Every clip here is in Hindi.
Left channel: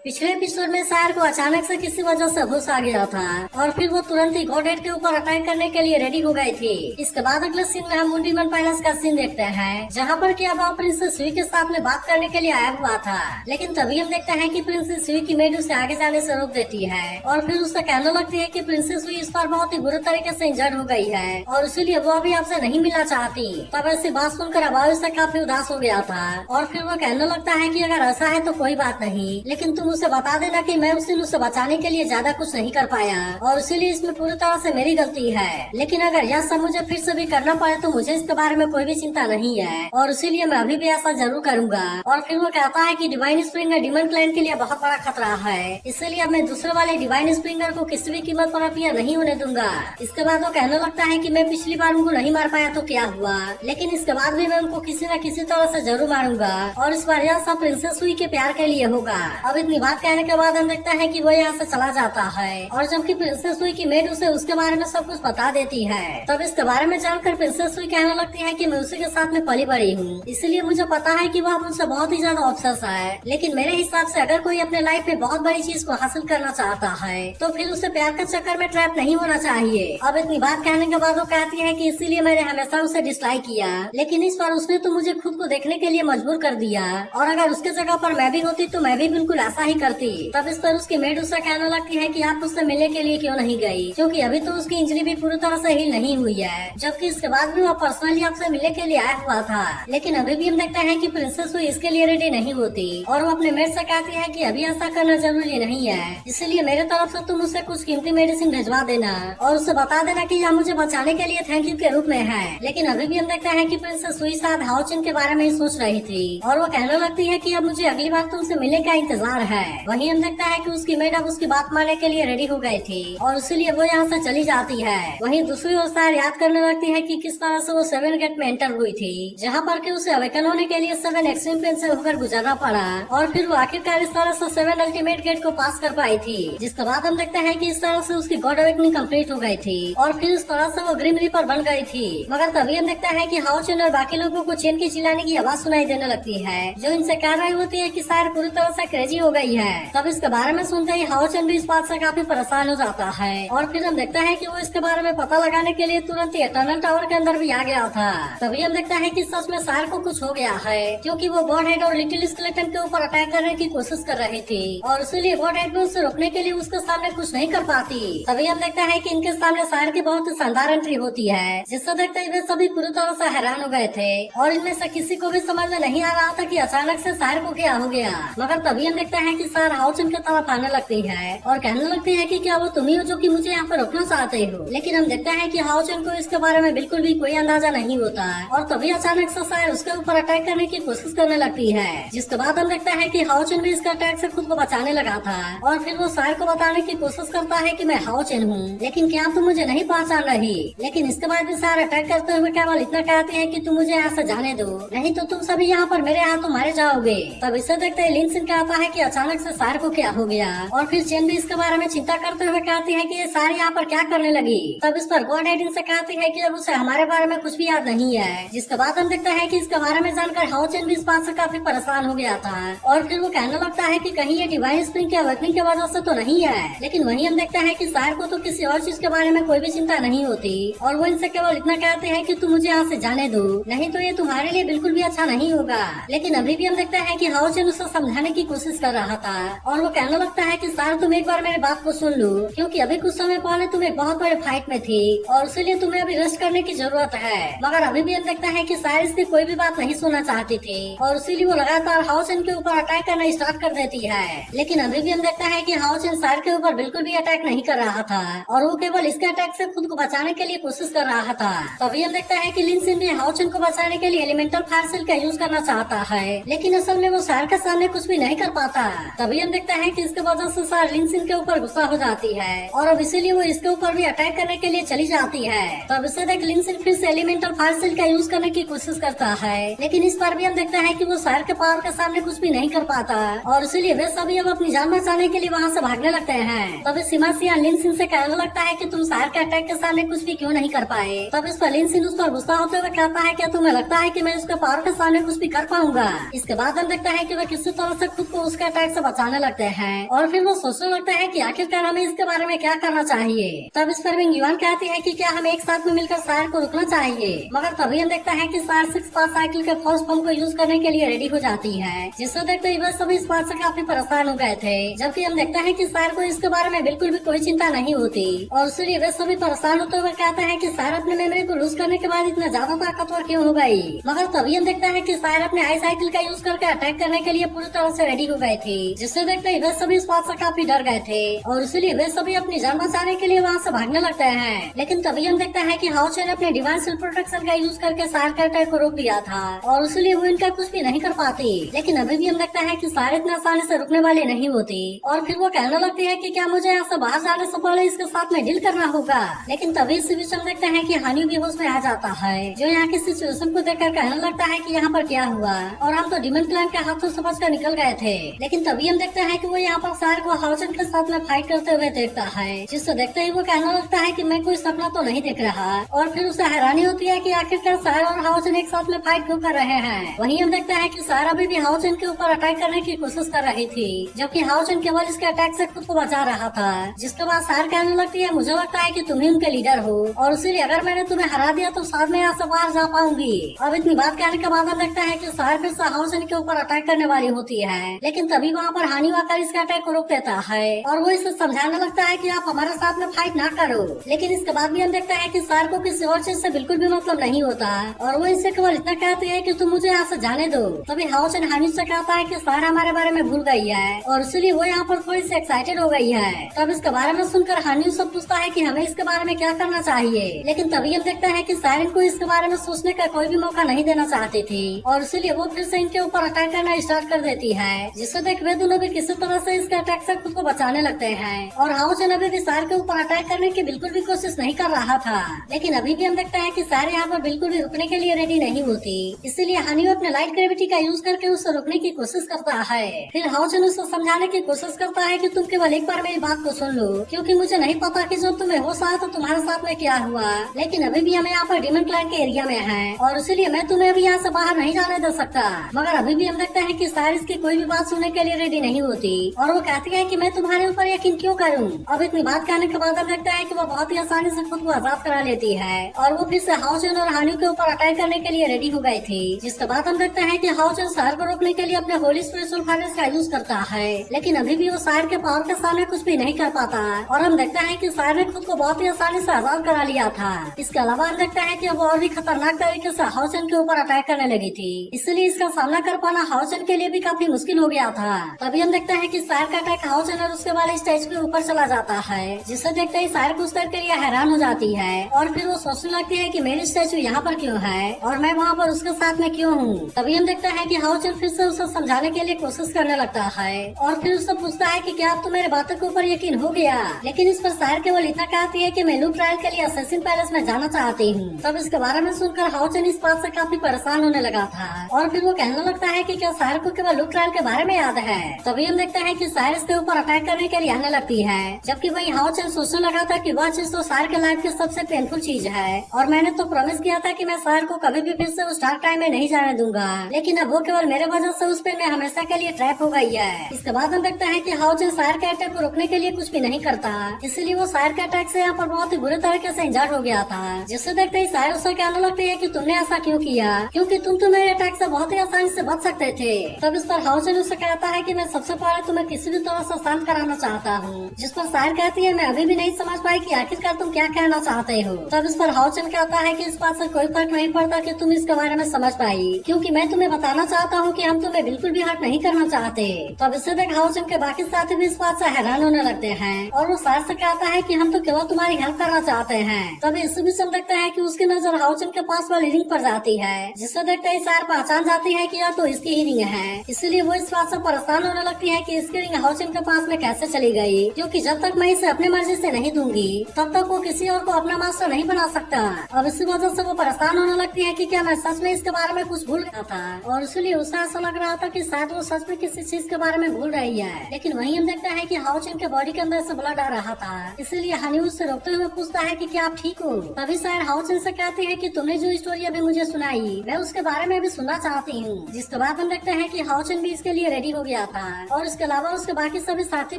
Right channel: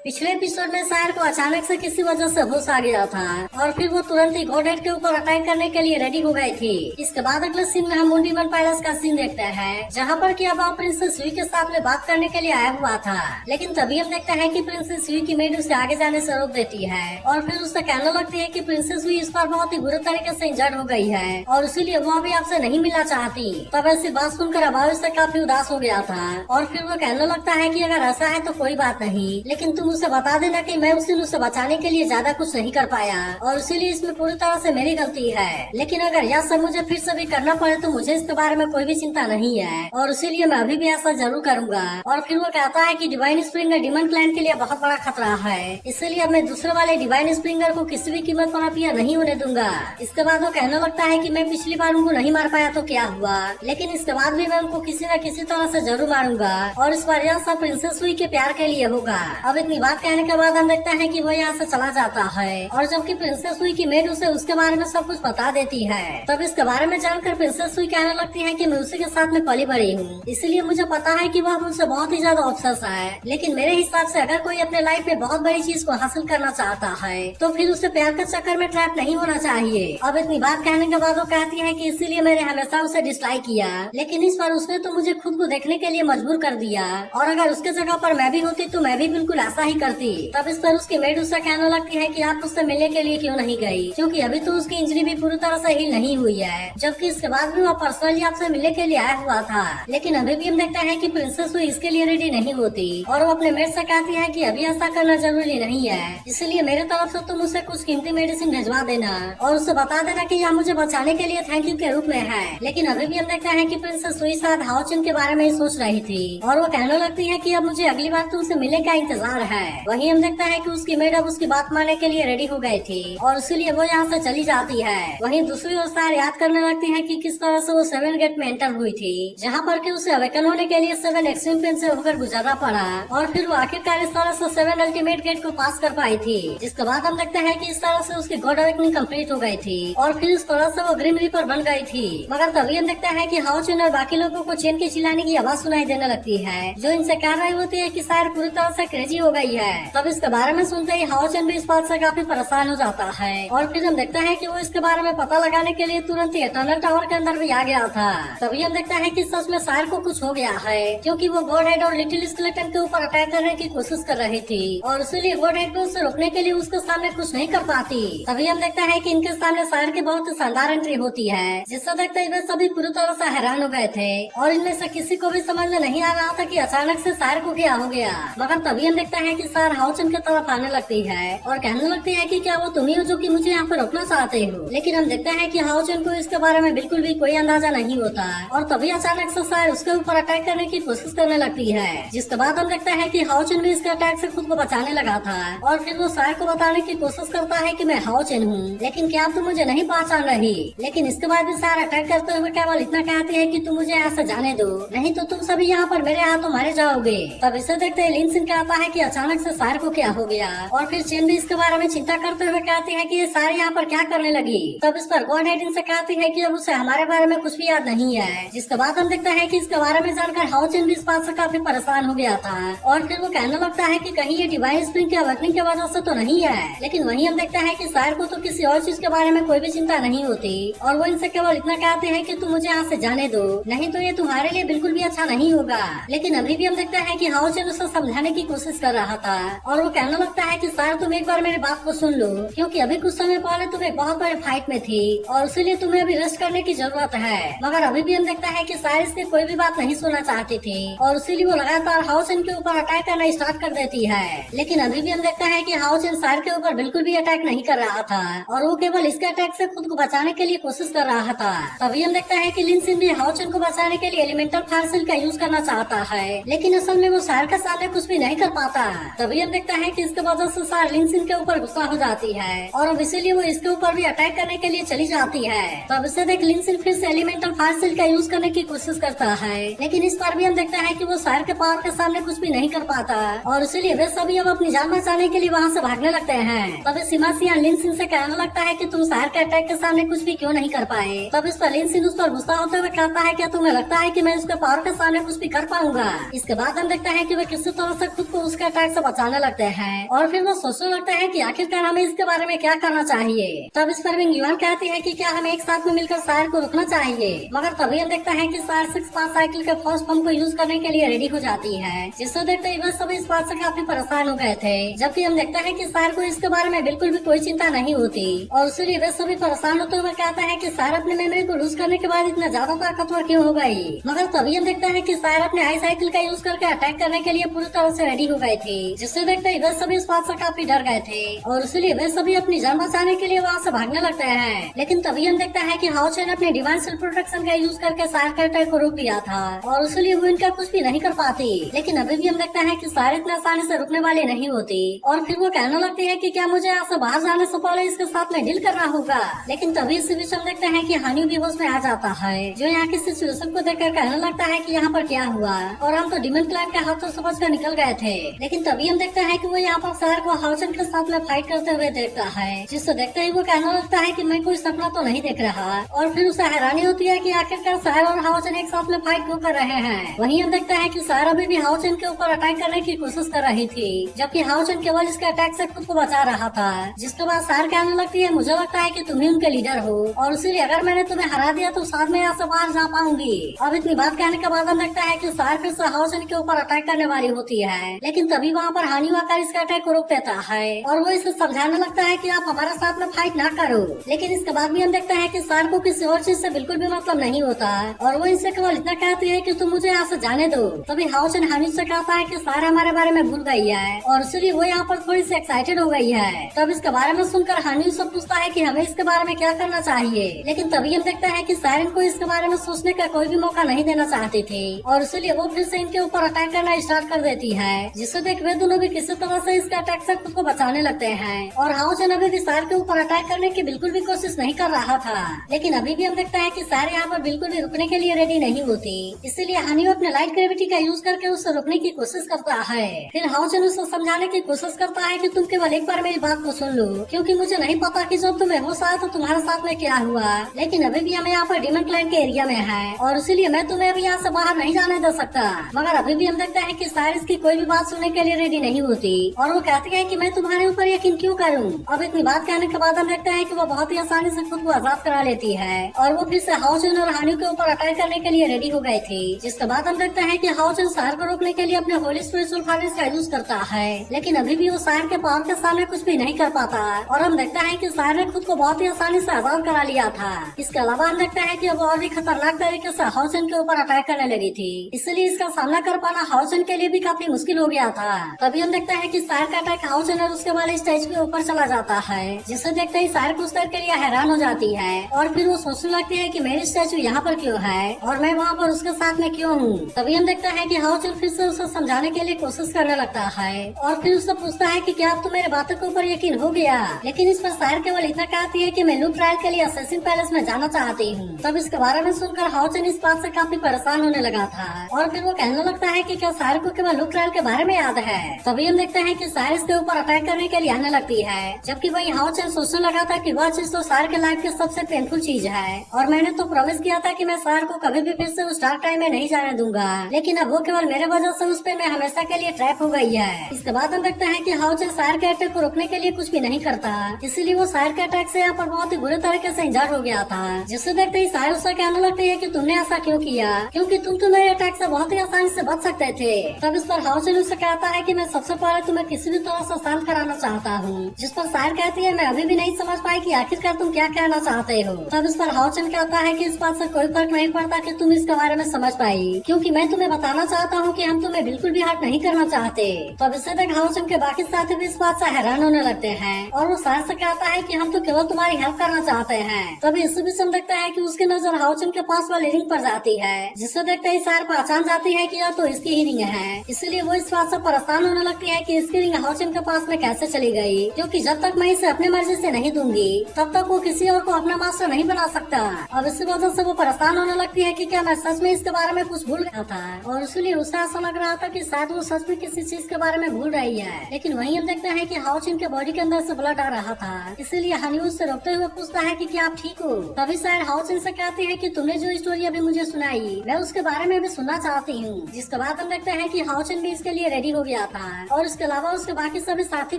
पिछले एपिसोड में शायर को अचानक से किसी वजह से होश आ गया था और फिर वो तुरंत ही गॉडेड के ऊपर अटैक करने के लिए रेडी हो गए थे। इसके बाद अगले सीन में हम मुंडीमन पैलेस का सीन देखते हैं, जहाँ पर कि अब प्रिंसेस सुई के साथ में बात करने के लिए आया हुआ था। लेकिन तभी हम देखते हैं कि प्रिंसेस सुई की मेड उसे आगे जाने से रोक देती है और फिर उससे कहने लगती है कि प्रिंसेस सुई इस पर बहुत ही बुरे तरीके से इंजर्ड हो गई है और इसीलिए वो अभी आपसे नहीं मिलना चाहती। तब ऐसी बात सुनकर अबान से काफी उदास हो गया था और फिर वो कहने लगता है कि अगर ऐसा है तो कोई बात नहीं, लेकिन तुम उसे बता देना कि मैं उसे बचाने के लिए ज्यादा कुछ नहीं कर पाया और इसीलिए इसमें पूरी तरह से मेरी गलती है। लेकिन अगर यह सब मुझे फिर से भी करना पड़े तो मुझे इसके बारे में कोई भी चिंता नहीं है और इसीलिए मैं अभी भी ऐसा जरूर करूंगा। और फिर वो कहता है कि डिवाइन स्प्रिंगर डिमन क्लाइंट के लिए बहुत बड़ा खतरा है, इसीलिए मैं दूसरे वाले डिवाइन स्प्रिंगर को किसी भी कीमत पर अभी नहीं होने दूंगा। इसके बाद वो कहने लगता है कि मैं पिछली बार उनको नहीं मार पाया तो क्या हुआ, लेकिन इसके बाद भी मैं उनको किसी न किसी तरह से जरूर मारूंगा और इस बार यह सब प्रिंसेस सुई के प्यार के लिए होगा। अब इतनी बात कहने के बाद हम देखते हैं कि वो यहाँ से चला जाता है और जबकि प्रिंसेस सुई की मेड उसे उसके बारे में सब कुछ बता देती है। तब इसके बारे में जानकर प्रिंसेस सुई कहने लगती है कि मैं उसी के साथ में पली बड़ी हूँ, इसलिए मुझे पता है कि वह मुझसे बहुत ही ज्यादा ऑब्सेस है। लेकिन मेरे हिसाब से अगर कोई अपने लाइफ में बहुत बड़ी चीज को हासिल करना चाहता है तो फिर उसे प्यार के चक्कर में ट्रैप नहीं होना चाहिए। अब इतनी बात कहने के बाद वो कहती है कि इसीलिए मैंने हमेशा उसे डिसलाइक किया, लेकिन इस बार उसने तो मुझे खुद को देखने के लिए मजबूर कर दिया और अगर उसके जगह पर मैं भी होती तो मैं भी बिल्कुल ऐसा ही करती। तब इस पर उसकी मेड उससे कहने लगती है कि आप उससे मिलने के लिए क्यों नहीं गई, क्योंकि अभी तो उसकी इंजरी भी पूरी तरह से हील नहीं हुई है, जबकि इसके बाद भी वो पर्सनली आपसे मिलने के लिए आया हुआ था। लेकिन अभी भी हम देखते हैं कि प्रिंसेस सुई इसके लिए रेडी नहीं होती और वो अपने मेड से कहती है कि अभी ऐसा करना जरूरी नहीं है, इसलिए मेरे तरफ से तुम उसे कुछ कीमती मेडिसिन भिजवा देना और उसे बता देना कि यह मुझे बचाने के लिए थैंक यू के रूप में है। लेकिन अभी भी हम देखते हैं कि प्रिंसेस सुई शायद हाओचन के बारे में ही सोच रही थी और वो कहने लगती है कि अब मुझे अगली बार तुमसे मिलने का इंतजार है। वहीं हम देखता है कि उसकी मेड अब उसकी बात मानने के लिए रेडी हो गए थे और इसीलिए वो यहाँ से चली जाती है। वहीं दूसरी ओर सार याद करने लगती है कि किस तरह से वो 7 गेट में एंटर हुई थी, जहाँ पर कि उसे अवेकन होने के लिए 7 एक्सट्रीम प्लेन से होकर गुजरना पड़ा और फिर वो आखिरकार इस तरह से 7 अल्टीमेट गेट को पास कर पाई थी। जिसके बाद हम देखते हैं कि इस तरह से उसकी गॉड अवेकनिंग कंप्लीट हो गई थी और फिर इस तरह से वो ग्रिम रीपर बन गई थी। मगर तभी हम देखते हैं कि हाओचन और बाकी लोगों को चेन के चिल्लाने की आवाज सुनाई देने लगती है, जो इनसे कह रही होती है कि सार पूरी तरह से क्रेजी हो गई है। तब इसके बारे में सुनते ही हाओचन भी इस बात से काफी परेशान हो जाता है और फिर हम देखता है कि वो इसके बारे में पता लगाने के लिए तुरंत ही टनल टावर के अंदर भी आ गया था। तभी हम देखता है कि सच में सार को कुछ हो गया है, क्योंकि वो गॉड हेड और लिटिल स्केलेटन के ऊपर अटैक करने की कोशिश कर रही थी और इसीलिए गॉड हेड में उसे रोकने के लिए उसके सामने कुछ नहीं कर पाती। तभी हम देखता है कि इनके सामने सार की बहुत ही शानदार एंट्री होती है, जिससे देखते हुए सभी पूरी तरह से हैरान हो गए थे और इनमें से किसी को भी समझ में नहीं आ रहा था कि अचानक से सार को क्या हो गया। मगर तभी हम देखते हैं कि सार हाओचन की तरफ आने लगती है और कहने लगती है कि क्या वो तुम ही हो जो कि मुझे यहाँ पर रोकना चाहते हो। लेकिन हम देखते हैं कि हाओचन को इसके बारे में बिल्कुल भी कोई अंदाजा नहीं होता और तभी अचानक से सार उसके ऊपर अटैक करने की कोशिश करने लगती है। जिसके बाद हम देखते हैं कि हाओचन भी इसके अटैक से खुद को बचाने लगा था और फिर वो सार को बताने की कोशिश करता है कि मैं हाओचन हूँ, लेकिन क्या तुम मुझे नहीं पहचान रही। लेकिन इसके बाद भी सार अटैक करते हुए केवल इतना कहते हैं कि तुम मुझे यहाँ से जाने दो, नहीं तो तुम सभी यहाँ पर मेरे हाथों मारे जाओगे। तब इसे देखते ही लिन सिन कहता है कि अचानक से सार को क्या हो गया और फिर चेन भी इसके बारे में चिंता करते हुए कहती है कि सार यहाँ पर क्या करने लगी। तब इस पर गॉड हेड इनसे कहती है कि अब उसे हमारे बारे में कुछ भी याद नहीं है। जिसके बाद हम देखते हैं कि इसके बारे में जानकर हाओचन भी इस बात से काफी परेशान हो गया था और फिर वो कहने लगता है कि कहीं ये डिवाइन स्प्रिंग की अवेकनिंग की वजह से तो नहीं है। लेकिन वहीं हम देखते हैं कि सार को तो किसी और चीज के बारे में कोई भी चिंता नहीं होती और वो इनसे केवल इतना कहते हैं कि तुम मुझे यहाँ से जाने दो, नहीं तो ये तुम्हारे लिए बिल्कुल भी अच्छा नहीं होगा। लेकिन अभी भी हम देखते हैं कि हाओचन उसे समझाने की कोशिश कर रहा था और वो कहने लगता है कि सार तुम एक बार मेरे बात को सुन लो, क्योंकि अभी कुछ समय पहले तुम एक बहुत बड़े फाइट में थी और इसीलिए तुम्हें अभी रेस्ट करने की जरूरत है। मगर अभी भी हम देखते हैं कि सार इसकी कोई भी बात नहीं सुनना चाहती थी और इसीलिए वो लगातार हाओचन के ऊपर अटैक करना स्टार्ट कर देती है। लेकिन अभी भी हम देखते हैं कि हाओचन सार के ऊपर बिल्कुल भी अटैक नहीं कर रहा था और वो केवल इसके अटैक से खुद को बचाने के लिए कोशिश कर रहा था। तभी हम देखते हैं कि लिन सिन भी हाओचन को बचाने के लिए एलिमेंटल फायर सेल का यूज करना चाहता है, लेकिन असल में वो सार के सामने कुछ भी नहीं कर पाता। तभी हम देखते हैं कि इसके वजह से सार लिन सिन के ऊपर गुस्सा हो जाती है और अब इसीलिए वो इसके ऊपर भी अटैक करने के लिए चली जाती है। तब इसे देख लिन सिन फिर से एलिमेंटल फायर सेल का यूज करने की कोशिश करता है, लेकिन इस बार भी हम देखते हैं कि वो सार के पावर के सामने कुछ भी नहीं कर पाता और इसीलिए वे सभी अब अपनी जान बचाने के लिए वहाँ से भागने लगते हैं। तब सीमा सिया लिन सिन से कहने लगता है कि तुम सार के अटैक के सामने कुछ भी क्यों नहीं कर पाए। तब इस पर लिन सिन उस पर गुस्सा होते हुए कहता है कि तुम्हें तुम्हें लगता है कि मैं उसके पावर के सामने कुछ भी कर पाऊंगा। इसके बाद हम देखते हैं कि वह किसी तरह से खुद को उसके अटैक अटैक से बचाने लगते हैं और फिर वो सोचने लगता है कि आखिरकार हमें इसके बारे में क्या करना चाहिए। तब इस पर युवान कहती है कि क्या हमें एक साथ में मिलकर सायर को रोकना चाहिए, मगर तभी हम देखते हैं कि सायर 6 साइकिल के फर्स्ट फॉर्म को यूज करने के लिए रेडी हो जाती है, जिससे देखते ही वह सभी इस बात से काफी परेशान हो गए थे। जबकि हम देखते हैं कि सायर को इसके बारे में बिल्कुल भी कोई चिंता नहीं होती और इसलिए वे सभी परेशान होते हुए कहते हैं कि सायर अपने मेमोरी को लूज करने के बाद इतना ज्यादा ताकतवर क्यों हो गई। मगर तभी हम देखते हैं कि सायर अपने हाई साइकिल का यूज करके अटैक करने के लिए पूरी तरह से रेडी हो गई थी, जिससे देखते ही वे सभी इस बात से काफी डर गए थे और इसलिए वे सभी अपनी जान बचाने के लिए वहाँ से भागने लगते हैं। लेकिन तभी हम देखते हैं कि हाउचर ने अपने डिवाइन सेल्फ प्रोटेक्शन का यूज करके सायर के अटैक को रोक दिया था और इसलिए वो इनका कुछ भी नहीं कर पाती। लेकिन अभी भी हम देखते हैं कि सायर इतना आसानी से रुकने वाली नहीं होती और फिर वो कहने लगती है कि क्या मुझे यहाँ से बाहर जाने से पहले इसके साथ में डील करना होगा। लेकिन तभी इसी बीच हम देखते हैं कि हानि भी होश में आ जाता है, जो यहाँ की सिचुएशन को देखकर कहने लगता है कि यहाँ पर क्या हुआ और हम तो डिमन क्लैन के हाथों समझ कर निकल गए थे। लेकिन तभी हम देखते हैं कि वो यहाँ पर सायर को हाउसन के साथ में फाइट करते हुए देखता है, जिससे देखते ही वो कहने लगता है कि मैं कोई सपना तो नहीं देख रहा और फिर उसे हैरानी होती है कि आखिरकार सायर और हाउसन एक साथ में फाइट क्यों कर रहे हैं। वहीं हम देखते हैं कि सायर अभी भी हाउसन के ऊपर अटैक करने की कोशिश कर रही थी, जबकि हाउसन केवल इसके अटैक से खुद को बचा रहा था। जिसके बाद सायर कहने लगती है मुझे लगता है कि तुम ही उनके लीडर हो और इसलिए अगर मैंने तुम्हें हरा दिया तो साथ में यहाँ से बाहर जा पाऊंगी। अब इतनी बात कहने के बाद हम देखता है कि सायर फिर से हाउसन के ऊपर अटैक करने वाली होती है, लेकिन तभी वहाँ पर हानि आकर इसके अटैक को रोक देता है और वो इसे समझाने लगता है कि आप हमारे साथ में फाइट ना करो। लेकिन इसके बाद भी हम देखते हैं कि सायर को किसी और चीज से बिल्कुल भी मतलब नहीं होता और वो इससे केवल इतना कहती है कि तुम मुझे यहाँ से जाने दो। तभी हाउसन हानि से कहता है कि सायर हमारे बारे में भूल गई है और इसलिए वो यहाँ पर थोड़ी सी एक्साइटेड हो गई है। तब इसके बारे में सुनकर हानि उससे पूछता है कि हमें इसके बारे में क्या करना चाहिए। लेकिन तभी हम देखते हैं कि सायर को इसके बारे में सोचने का कोई भी मौका नहीं देना चाहती थी और इसलिए वो फिर से इनके ऊपर अटैक करना स्टार्ट कर देती है, जिससे देख वे दोनों भी किसी तरह से इसके अटैक से खुद को बचाने लगते हैं और हाउसन अभी भी सायर के ऊपर अटैक करने की बिल्कुल भी कोशिश नहीं कर रहा था। लेकिन अभी भी हम देखते हैं कि सायर यहाँ पर बिल्कुल भी रुकने के लिए रेडी नहीं होती, इसलिए हानि अपने लाइट ग्रेविटी का यूज करके उससे रोकने की कोशिश करता है। फिर हाउसन उसको समझाने की कोशिश करता है कि तुम केवल एक बार मेरी बात को सुन लो, क्योंकि मुझे नहीं पता कि जब तुम्हें होश आया तो तुम्हारे साथ में क्या हुआ। लेकिन अभी भी हम यहाँ पर डिमन क्लैन के एरिया में है और इसलिए मैं तुम्हें अभी यहाँ से बाहर नहीं जाने दे सकता। मगर अभी भी हम देखते हैं कि सायर इसकी कोई भी बात सुनने के लिए रेडी नहीं होती और वो कहती है कि मैं तुम्हारे ऊपर यकीन क्यों करूँ। अब इतनी बात कहने के बाद हम देखते हैं कि वो बहुत ही आसानी से खुद को आजाद करा लेती है और वो फिर से हाउसन और हानि के ऊपर अटैक करने के लिए रेडी हो गए थे। जिसके बाद हम देखते हैं कि हाउसन सायर को रोकने के लिए अपने होली स्पिरिचुअल फाइनेंस का यूज करता है, लेकिन अभी भी वो सायर के पावर के सामने कुछ भी नहीं कर पाता और हम देखते हैं कि सायर ने खुद को बहुत ही आसानी से आजाद करा लिया था। इसके अलावा हम देखते हैं कि वो और भी खतरनाक तरीके से हाउसन के ऊपर अटैक करने लगी थी, इसलिए इसका सामना कर पाना हाउसन के लिए भी काफी मुश्किल हो गया था। तभी हम देखते हैं कि सायर का अटैक हाउसन और उसके वाले स्टेज के ऊपर चला जाता है, जिसे देखते ही सायर कुछ देर के लिए हैरान हो जाती है और फिर वो सोचने लगती है कि मेरी स्टैचू यहाँ पर क्यों है और मैं वहाँ पर उसके साथ में क्यों हूँ। तभी हम देखते हैं कि हाउसन फिर से उसे समझाने के लिए कोशिश करने लगता है और फिर उससे पूछता है कि क्या अब तो मेरे बातों के ऊपर यकीन हो गया। लेकिन इस पर सायर केवल इतना कहती है कि मैं लूप ट्रायल के लिए असैसिन पैलेस में जाना चाहती हूँ। तब इसके बारे में सुनकर हाउसन इस बात से काफी परेशान होने लगा था और फिर वो कहने लगता है कि क्या सायर को केवल लूप ट्रायल के बारे में याद है। तभी हम देखते हैं कि सायर इसके ऊपर अटैक करने के लिए आने लगती है, जबकि वही हाउसन सोचने लगा था कि वह चीज तो सायर के लाइफ की सबसे पेनफुल चीज है और मैंने तो प्रॉमिस किया था कि मैं सायर को कभी भी फिर से उस डार्क टाइम में नहीं जाने दूंगा, लेकिन अब वो केवल मेरे वजह से उस पे मैं हमेशा के लिए ट्रैप हो गई है। इसके बाद हम देखते हैं कि हाउसन सायर के अटैक को रोकने के लिए कुछ भी नहीं करता, इसलिए वो सायर के अटैक से यहाँ पर बहुत ही बुरे तरीके से इंजर्ड हो गया था। जिससे देखते ही सायर उससे कहने लगती है कि तुमने ऐसा क्यों किया, क्योंकि तुम तो मेरे अटैक से बहुत ही आसानी से बच सकते थे। तब इस पर हाउसन उससे कहता है कि मैं सबसे पहले तुम्हें किसी भी तरह से शांत कराना चाहता हूँ, जिस पर सायर कहती है मैं अभी भी नहीं समझ पाई कि आखिरकार तुम क्या कहना चाहते हो। तब इस पर हाउसन कहता है कि इस बात से कोई फर्क नहीं पड़ता कि तुम इसके बारे में समझ पाई, क्योंकि मैं तुम्हें बताना चाहता हूँ कि हम तुम्हें बिल्कुल भी हर्ट नहीं करना चाहते। तब इससे तक हाउसन के बाकी साथी भी इस बात से हैरान होने लगते हैं और वो सायर से कहता है कि हम तो केवल तुम्हारी हेल्प करना चाहते हैं। तभी इस बीच हम देखते हैं कि उसकी नजर हाउसन के पास वाली रिंग पर जाती है, जिससे देखते ही सायर पहचान जाती है कि यह तो इसकी ही रिंग है। इसलिए वो इस बात से परेशान होने लगती है कि इसकी रिंग हाउसन के पास में कैसे चली गई, क्योंकि जब तक मैं इसे अपने मर्जी से नहीं दूंगी तब तक वो किसी और को अपना मास्टर नहीं बना सकता। अब इसी वजह से वो परेशान होने लगती है कि क्या मैं सच में इसके बारे में कुछ भूल गया था और इसलिए उसे ऐसा लग रहा था कि शायद वो सच में किसी चीज के बारे में भूल रही है। लेकिन वहीं हम देखते हैं कि हाउसन के बॉडी के अंदर से ब्लड आ रहा था, इसलिए हनी उससे रोकते हुए पूछता है कि क्या आप ठीक हो। तभी शायद हाउसन से कहते हैं कि तुमने जो स्टोरी अभी मुझे सुनाई मैं उसके बारे में भी सुनना चाहती हूँ। जिसके बाद हम देखते हैं कि हाउसन भी इसके लिए रेडी हो गया गया था और उसके अलावा उसके बाकी सभी साथी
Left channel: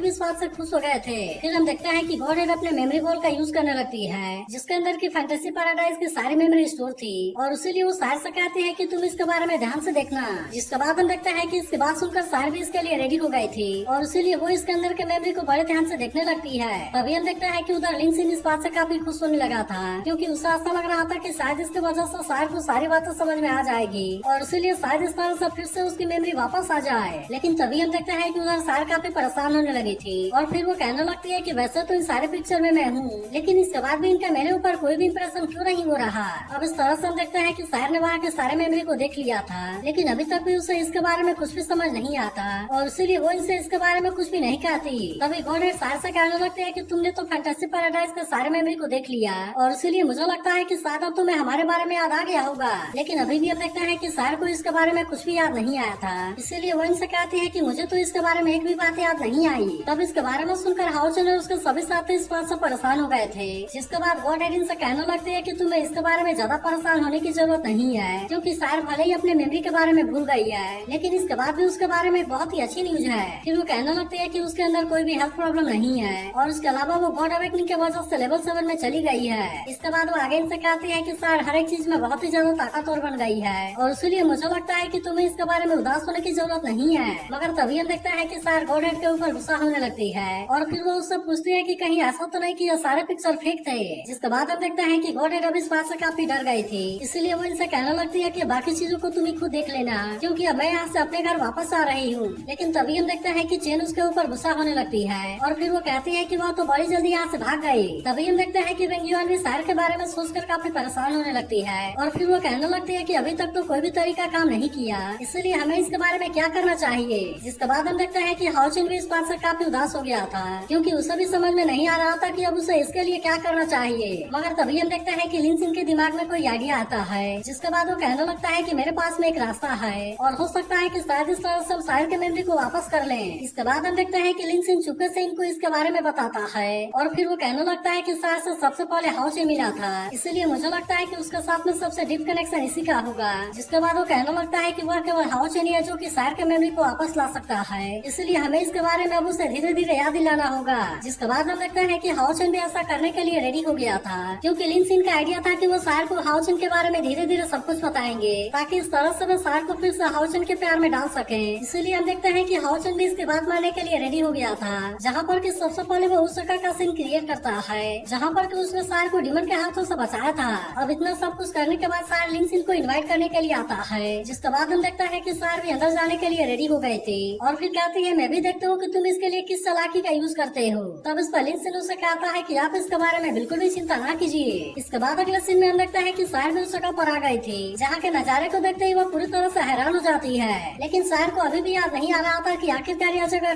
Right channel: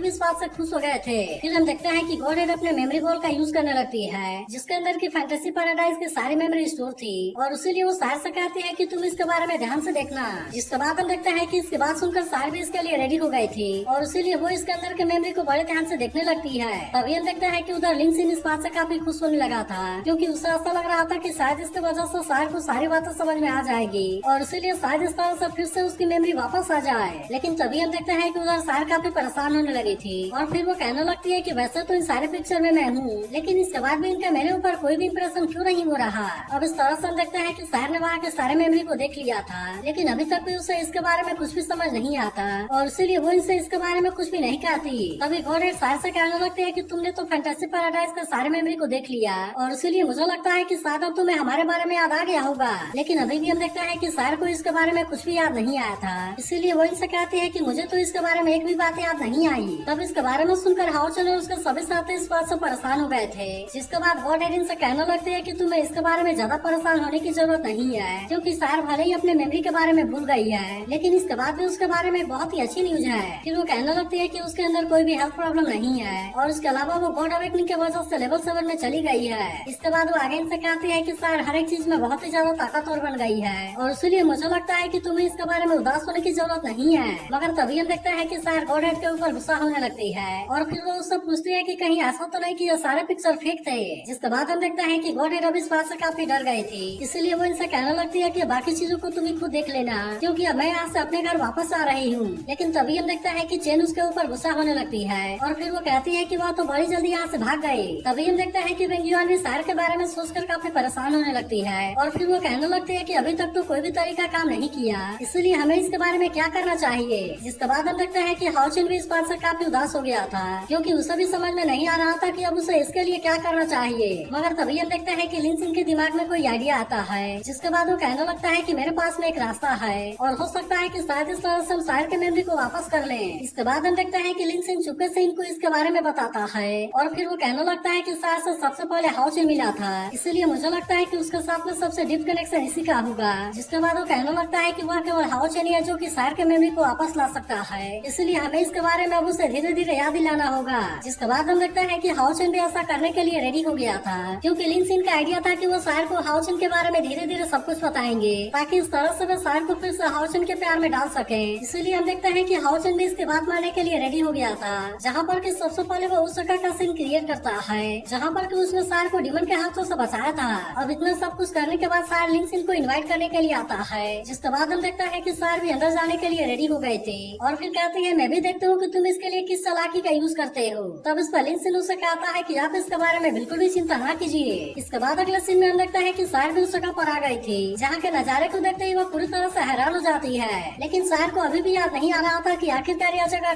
भी इस बात से खुश हो गए थे। फिर हम देखते हैं कि गॉडेड अपने मेमोरी बॉल का यूज करने लगती है जिसके अंदर की फैंटेसी पैराडाइज की सारी मेमोरी स्टोर थी और उसीलिए वो सार से कहती है कि तुम इसके बारे में ध्यान से देखना। जिसके बाद हम देखते हैं कि इसकी बात सुनकर सार भी इसके लिए रेडी हो गई थी और इसीलिए वो इसके अंदर के मेमोरी को बड़े ध्यान से देखने लगती है। तभी हम देखते हैं कि उधर लिंसिन इस बात से काफी खुश होने लगा था क्योंकि उसे ऐसा लग रहा था कि शायद इसकी वजह से सार को सारी बातें समझ में आ जाएगी और इसीलिए शायद इस बार से फिर से उसकी मेमोरी वापस आ जाए। लेकिन तभी हम देखते हैं कि उधर सार काफी परेशान होने लगी थी और फिर वो कहने लगती है कि वैसे तो इन सारे पिक्चर में मैं हूँ लेकिन इसके बाद भी इनका मेरे ऊपर कोई भी इंप्रेशन क्यों नहीं हो रहा। अब इस तरह से हम देखते हैं कि सार ने वहाँ के सारे मेमोरी को देख लिया था लेकिन अभी तक भी उसे इसके बारे में कुछ भी समझ नहीं आता और इसीलिए वो इनसे इसके बारे में कुछ भी नहीं कहती। तभी गॉडेड सार से कहने लगते हैं कि तुमने तो फैंटेसी पैराडाइज के सारे मेमोरी को देख लिया और इसीलिए मुझे लगता है कि शायद अब तुम्हें हमारे बारे में याद आ गया होगा। लेकिन अभी भी हम देखते हैं कि सार को इसके बारे में कुछ भी याद नहीं आया था इसीलिए वो इनसे कहती है कि मुझे तो इसके बारे में एक भी बात याद नहीं आई। तब इसके बारे में सुनकर हाओचन और उसके सभी साथी इस बात से परेशान हो गए थे जिसके बाद गॉडेड इनसे कहने लगते हैं कि तुम्हें इसके बारे में ज्यादा परेशान होने की जरूरत नहीं है क्योंकि सार भले ही अपने मेमोरी के बारे में भूल गई है लेकिन इसके बाद भी उसके बारे में बहुत ही अच्छी न्यूज है। फिर वो कहने लगते हैं कि उसके अंदर कोई भी हेल्थ प्रॉब्लम नहीं है और उसके अलावा वो गॉड अवेकनिंग के वजह से लेवल 7 में चली गई है। इसके बाद वो आगे इनसे कहती है कि सार हर एक चीज में बहुत ही ज्यादा ताकतवर बन गई है और इसलिए मुझे लगता है कि तुम्हें इसके बारे में उदास होने की जरूरत नहीं है। मगर तभी हम देखते हैं कि सार गॉडेड के ऊपर गुस्सा होने लगती है और फिर वो उससे पूछती है कि कहीं ऐसा तो नहीं कि ये सारे पिक्चर फेक थे। जिसके बाद हम देखते हैं कि गॉडेड अब इस बात से काफी डर गई थी इसलिए वो इनसे कहने लगती है कि बाकी चीजों को तुम्हें खुद देख लेना क्योंकि अब मैं यहाँ से अपने घर वापस आ रही हूँ। लेकिन तभी हम देखते हैं कि चेन उसके ऊपर गुस्सा होने लगती है और फिर वो कहती है कि वो तो बड़ी जल्दी यहाँ से भाग गई। तभी हम देखते हैं कि विंगयुआन भी सार के बारे में सोचकर काफी परेशान होने लगती है और फिर वो कहने लगती है कि अभी तक तो कोई भी तरीका काम नहीं किया इसलिए हमें इसके बारे में क्या करना चाहिए। जिसके बाद हम देखते हैं कि हाओचन भी इस बात से काफी उदास हो गया था क्योंकि उसे भी समझ में नहीं आ रहा था कि अब उसे इसके लिए क्या करना चाहिए। मगर तभी हम देखते हैं कि लिंसिन के दिमाग में कोई आइडिया आता है जिसके बाद वो कहने लगता है कि मेरे पास में एक रास्ता है और हो सकता है कि शायद इस तरह से हम सार के मेमोरी को वापस कर लें। इसके बाद हम देखते हैं कि लिंसिन चुपके से इनको इसके बारे में बताता है और फिर वो कहने लगता है कि सार से सबसे पहले हाओचन मिला था इसलिए मुझे लगता है कि उसके साथ में सबसे डीप कनेक्शन इसी का होगा। जिसके बाद वो कहने लगता है कि वह केवल हाओचन ही है जो कि सार के मेमोरी को वापस ला सकता है इसलिए हमें इसके बारे में अब उसे धीरे धीरे याद दिलाना होगा। जिसके बाद हम देखते हैं कि हाओचन भी ऐसा करने के लिए रेडी हो गया था क्योंकि लिंसिन का आइडिया था कि वो सार को हाओचन के बारे में धीरे धीरे सब कुछ बताएंगे ताकि इस तरह से वो सार को फिर से हाओचन के प्यार में डाल सके। इसलिए हम देखते हैं कि हाओचन भी इसकी बात मानने के लिए रेडी हो गया था जहाँ पर कि सबसे पहले वो उस जगह का सीन क्रिएट करता है जहाँ पर कि उसने सार को डिमन के हाथों से बचाया था। अब इतना सब कुछ करने के बाद सार लिंसिन को इनवाइट करने के लिए आता है जिसके बाद हम देखता है कि सार भी अंदर जाने के लिए रेडी हो गए थे और फिर कहते हैं मैं भी देखता हूँ कि तुम इसके लिए किस चालाकी का यूज करते हो। तब इस पर लिंसिन उससे कहता है कि आप इसके बारे में बिल्कुल भी चिंता न कीजिए। इसके बाद अगले सीन में हम देखते हैं कि सार भी उस जगह पर आ गई थी जहाँ के नजारे को देखते ही वो पूरी तरह से हैरान हो जाती है। लेकिन सार को अभी भी याद नहीं आ रहा था कि आखिरकार यह जगह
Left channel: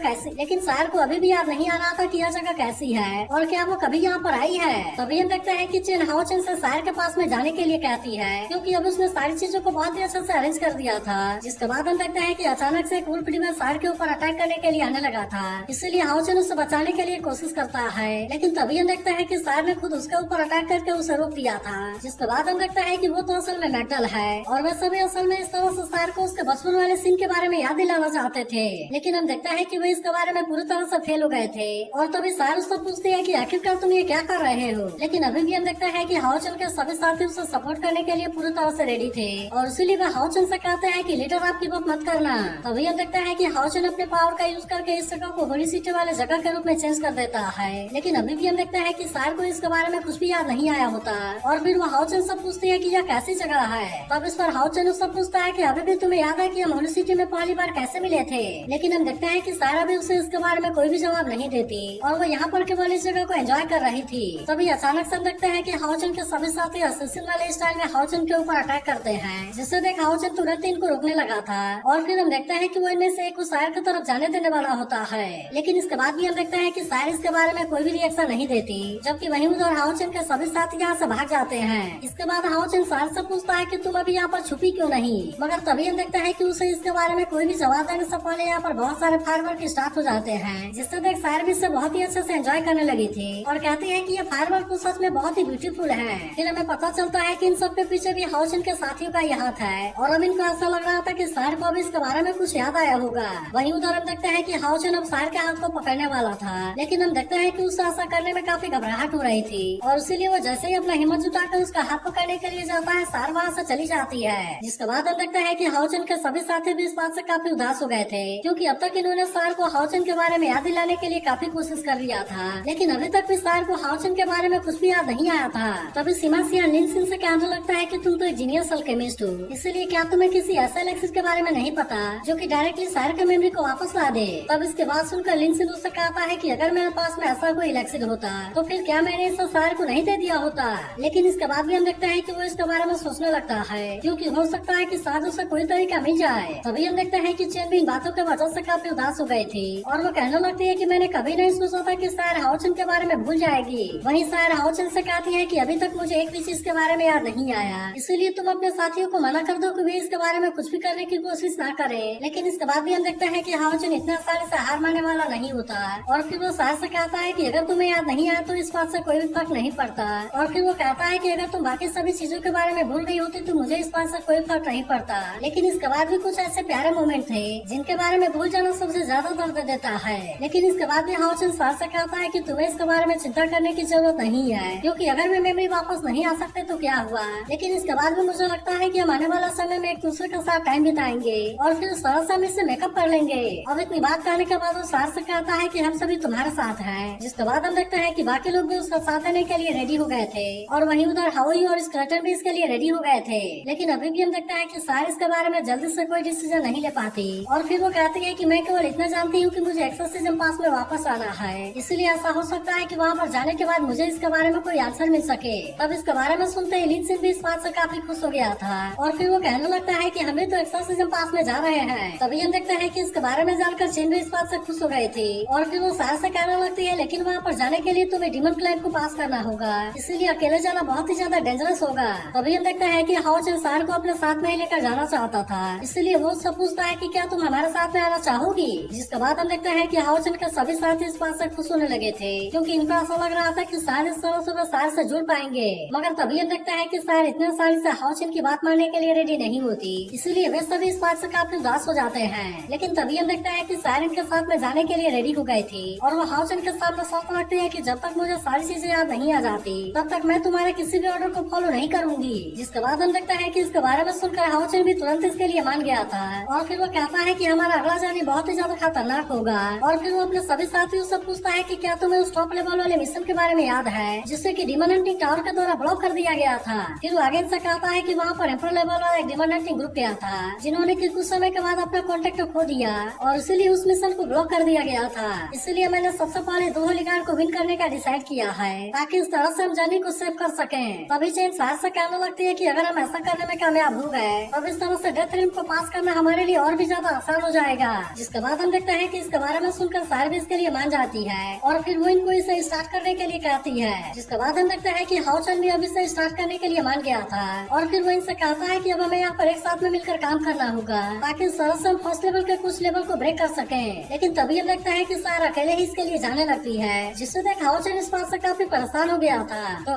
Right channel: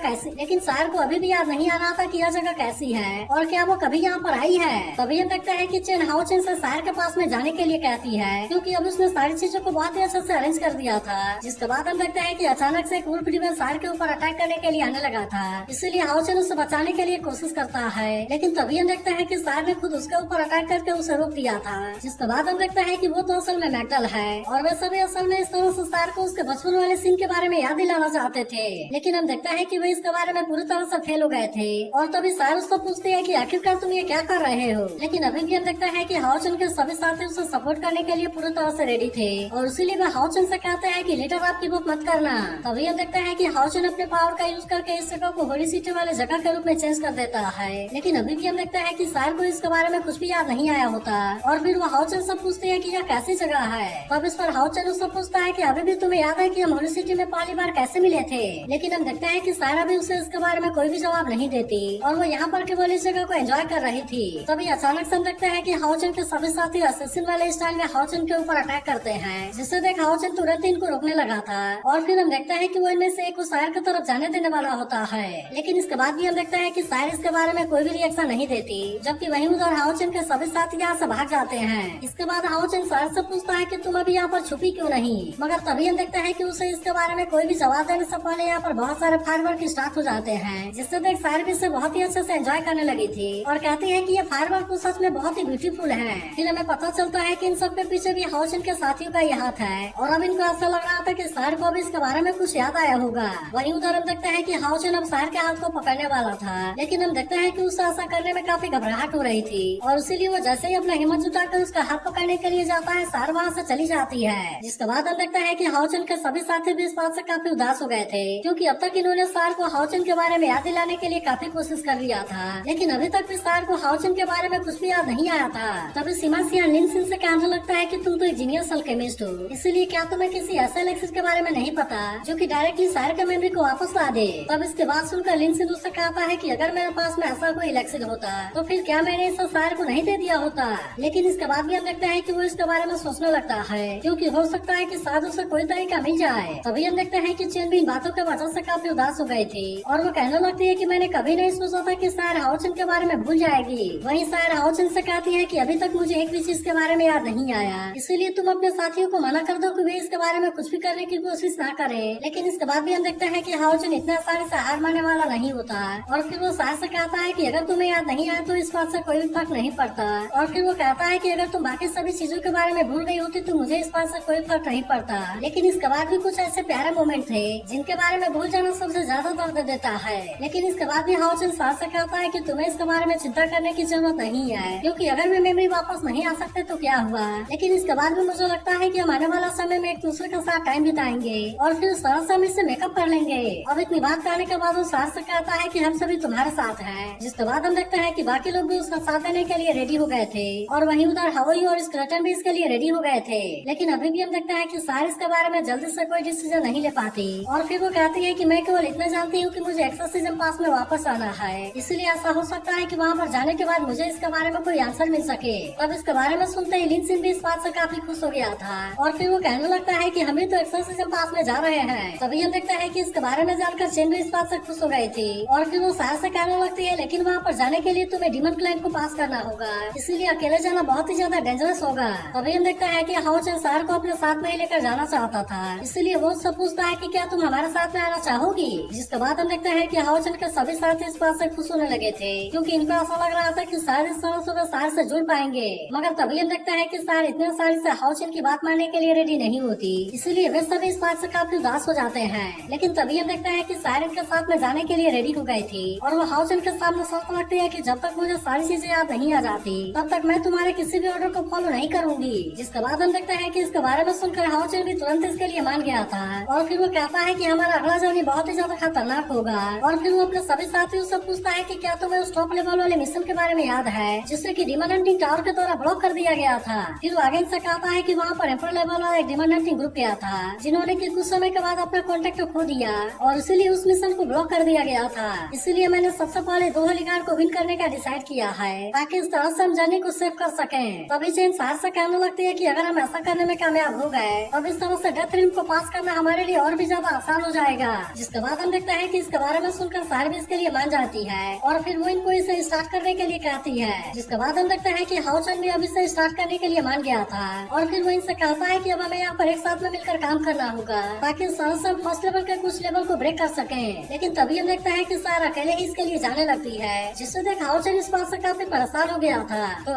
कैसी है और क्या वो कभी यहाँ पर आई है। तभी हम देखते हैं कि चेन हाओचन से सार के पास में जाने के लिए कहती है क्योंकि अब उसने सारी चीजों को बहुत ही अच्छे से अरेंज कर दिया था। जिसके बाद हम देखते हैं कि अचानक से एक वुल्फ डिमन सार के ऊपर अटैक करने के लिए आने लगा था इसलिए हाओचन उसे बचाने के लिए कोशिश करता है लेकिन तभी हम देखते हैं कि सार ने खुद उसके ऊपर अटैक करके उसे रोक दिया था। जिसके बाद हम देखते हैं कि वो तो असल में मेटल है और वे सभी असल में इस तरह से सार को उसके बचपन वाले सीन के बारे में याद दिलाना चाहते थे लेकिन हम देखते हैं कि वे इसके बारे में पूरी तरह से फेल हो गए थे और तभी सार उसको पूछती है कि आखिरकार तुम ये क्या कर रहे हो। लेकिन अभी भी हम देखते हैं कि हाओचन के सभी साथी उसे सपोर्ट करने के लिए पूरी तरह से रेडी थे और इसीलिए वे हाओचन से कहते हैं कि लीडर आप गिव अप मत करना। तभी हम देखते हैं कि हाओचन अपने पावर का यूज करके इस जगह को होली सिटी वाले जगह के रूप में चेंज कर देता है लेकिन अभी भी हम देखते हैं कि सार को इसके बारे में कुछ भी याद नहीं आया होता और फिर वो हाओचन से पूछती है कि यह कैसी जगह है। तब इस पर हाओचन उससे पूछता है कि अभी भी तुम्हें याद है कि हम होली सिटी में पहली बार कैसे मिले थे। लेकिन हम देखते हैं कि सार अभी उसे इसके बारे में कोई भी जवाब नहीं देती और वो यहाँ पर केवल इस जगह को एंजॉय कर रही थी। तभी अचानक से हम देखते हैं कि हाओचन के सभी साथी असैसिन वाले स्टाइल में हाओचन के ऊपर अटैक करते हैं जिससे देख हाओचन तुरंत इनको रोकने लगा था और फिर हम देखते हैं कि वो इनमें से एक को सार की तरफ जाने देने वाला होता है लेकिन इसके बाद भी हम देखते हैं कि सार इसके बारे में कोई भी रिएक्शन नहीं देती जबकि वहीं उधर हाओचन के सभी साथी यहाँ से भाग जाते हैं। इसके बाद हाओचन सार से पूछता है कि तुम अभी यहाँ पर छुपी क्यों नहीं। मगर तभी हम देखते हैं कि उसे इसके बारे में कोई भी जवाब देने से पहले यहाँ पर बहुत सारे फायरवर्क स्टार्ट हो जाते हैं जिससे देख सार भी इसे बहुत ही अच्छे से एंजॉय करने लगी थी और कहती है कि ये फायरवर्क तो सच में बहुत ही ब्यूटीफुल है। फिर हमें पता चलता है कि इन सब के पीछे भी हाओचन के साथियों का ही हाथ है और अब इनको ऐसा लग रहा था कि सार को अब इसके बारे में कुछ याद आया होगा। होगा। वहीं उधर हम देखते हैं कि हाउचन अब सार के हाथ को पकड़ने वाला था, लेकिन हम देखते हैं कि उसे ऐसा करने में काफी घबराहट हो रही थी और इसीलिए वो जैसे ही अपना हिम्मत जुटाकर उसका हाथ पकड़ने के लिए जाता है, सार वहाँ से चली जाती है। जिसके बाद हम देखते हैं कि हाउचन के सभी साथी भी इस बात से काफी उदास हो गए थे, क्योंकि अब तक इन्होंने सार को हाउचन के बारे में याद दिलाने के लिए काफी कोशिश कर लिया था, लेकिन अभी तक भी सार को हाउचन के बारे में कुछ भी याद नहीं आया था। तभी सीमा लिनसिन से कहने लगता है कि तुम तो एक जीनियस अल्केमिस्ट हो, इसीलिए क्या तुम्हें किसी ऐसे एलेक्सिस के बारे में नहीं पता जो कि डायरेक्टली सार के मेमोरी को वापस ला दे। तब इसके बाद सुनकर लिनसिन उससे कहता है कि अगर मेरे पास में ऐसा कोई एलेक्सिस होता तो फिर क्या मैंने इसे सार को नहीं दे दिया होता। लेकिन इसके बाद भी हम देखते हैं कि वो इसके बारे में सोचने लगता है, क्योंकि हो सकता है कि शायद उसे कोई तरीका मिल जाए। तभी हम देखते हैं कि चेन भी इन बातों के वजह से काफी उदास हो गई थी और वो कहने लगती है कि मैंने कभी नहीं सोचा था कि सार हाउचन के बारे में भूल जाएगी। वहीं सार हाउचन से कहती है कि अभी तक मुझे एक भी चीज के बारे में याद नहीं आया, इसीलिए तुम अपने साथियों को मना कर दो कि वे इसके बारे में कुछ भी करने की कोशिश ना करें। लेकिन इसके बाद भी हम देखते हैं कि हाउचन इतने आसानी से हार मानने वाला नहीं होता और फिर वो सार से कहता है कि अगर तुम्हें याद नहीं आया तो इस बात से कोई भी फर्क नहीं पड़ता। और फिर वो कहता है कि अगर तुम बाकी सभी चीजों के बारे में भूल गई होती तो मुझे इस बात से कोई फर्क नहीं पड़ता। लेकिन इसके बाद भी कुछ ऐसे प्यारे मोमेंट थे जिनके बारे में भूल जाना सबसे ज्यादा दर्द देता है। लेकिन इसके बाद भी हाउचन सार से कहता है कि तुम्हें इसके बारे में चिंता करने की जरूरत नहीं है, क्योंकि अगर वे मेमोरी वापस नहीं आ सकते तो क्या हुआ। लेकिन इसके बाद भी मुझे लगता है कि हम आने वाला समय में एक दूसरे के साथ टाइम बिताएंगे और फिर सारा समय से मेकअप कर लेंगे। अब इतनी बात करने के बाद वो सार से कहता है कि हम सभी तुम्हारे साथ हैं। जिसके बाद हम देखते हैं कि बाकी लोग भी उसका साथ देने के लिए रेडी हो गए थे और वहीं उधर हाओई और स्केलेटन भी इसके लिए रेडी हो गए थे। लेकिन अभी भी हम देखते हैं कि सार इसके बारे में जल्दी से कोई डिसीजन नहीं ले पाती और फिर वो कहती है कि मैं केवल इतना जानती हूँ कि मुझे एक्सोर्सिज्म पास में वापस आना है, इसलिए ऐसा हो सकता है कि वहाँ पर जाने के बाद मुझे इसके बारे में कोई आंसर मिल सके। तब इसके बारे में सुनते ही लिनसिन भी इस बात से काफी खुश हो गया था और फिर वो कहने लगता है कि हमें तो एक्सोर्सिज्म पास में जा रहे हैं। तभी हम देखते हैं कि इसके बारे में जानकर चेन भी इस बात से खुश हो गई थी और फिर वो सार से कहने लगती है लेकिन वहाँ पर जाने के लिए तुम्हें डिमन क्लाइंब को पास करना होगा, इसीलिए अकेले जाना बहुत ही ज्यादा डेंजरस होगा। तभी हम देखते हैं कि हाउचन सार को अपने साथ में लेकर जाना चाहता था, इसलिए वो उससे पूछता है कि क्या तुम हमारे साथ में आना चाहोगी। जिसके बाद हम देखते हैं कि हाउचन के सभी साथी इस बात से खुश होने लगे थे, क्योंकि इनको ऐसा लग रहा था कि सारे सदस्यों सार से जुड़ पाएंगे। मगर तभी हम देखते हैं कि सार इतने आसानी से हाउचन की बात मानने के लिए रेडी नहीं होती, इसलिए वे सभी इस बात से काफी उदास हो जाते हैं। लेकिन तभी हम देखते हैं कि सार इनके साथ में जाने के लिए रेडी हो गई थी और वो हाउचन के सामने शर्त रखती है कि जब तक मुझे सारी चीजें याद नहीं आ जाती तब तक मैं तुम्हारे किसी भी ऑर्डर को फॉलो नहीं करूंगी। जिसके बाद हम देखते हैं कि इसके बारे में सुनकर हाउचन भी तुरंत इसके लिए मान गया था और फिर वो कहता है कि हमारा अगला जर्नी बहुत ही ज्यादा खतरनाक होगा। और फिर वो अपने सभी साथियों से पूछता है कि क्या तुम्हें उस टॉप लेवल वाले मिशन के बारे में याद है जिससे कि डिमन हंटिंग टावर के द्वारा ब्लॉक कर दिया गया था। फिर वो आगे से कहता है कि वहाँ पर एम्पर लेवल वाला एक डिमन हंटिंग ग्रुप गया था जिन्होंने कि कुछ समय के बाद अपना कॉन्टेक्ट खो दिया और इसीलिए उस मिशन को ब्लॉक कर दिया गया था। इसीलिए मैंने सबसे पहले 2 होलीगार्ड को विन करने का डिसाइड किया है ताकि इस तरह से हम जर्नी को सेव कर सकें। तभी चेन सार से कहने लगती है कि अगर हम ऐसा करने में कामयाब हो गए तब इस तरह से डेथ रिंग को पास करना हमारे लिए और भी ज्यादा आसान हो जाएगा। जिसके बाद हम देखते हैं कि इसके बारे में सुनकर सार भी इसके लिए मान जाती है और फिर वो इनको इसे स्टार्ट करने के लिए कहती है। जिसके बाद हम देखते हैं कि हाउचन भी अब इसे स्टार्ट करने के लिए मान गया था और फिर वो इनसे कहता है कि अब हमें यहाँ पर एक साथ में मिलकर काम करना होगा ताकि इस तरह से हम फर्स्ट लेवल के कुछ लेवल को ब्रेक कर सके। लेकिन तभी हम देखते हैं कि सार अकेले ही इसके लिए जाने लगती है, जिससे देख हाउचन इस बात से काफी परेशान हो गया था।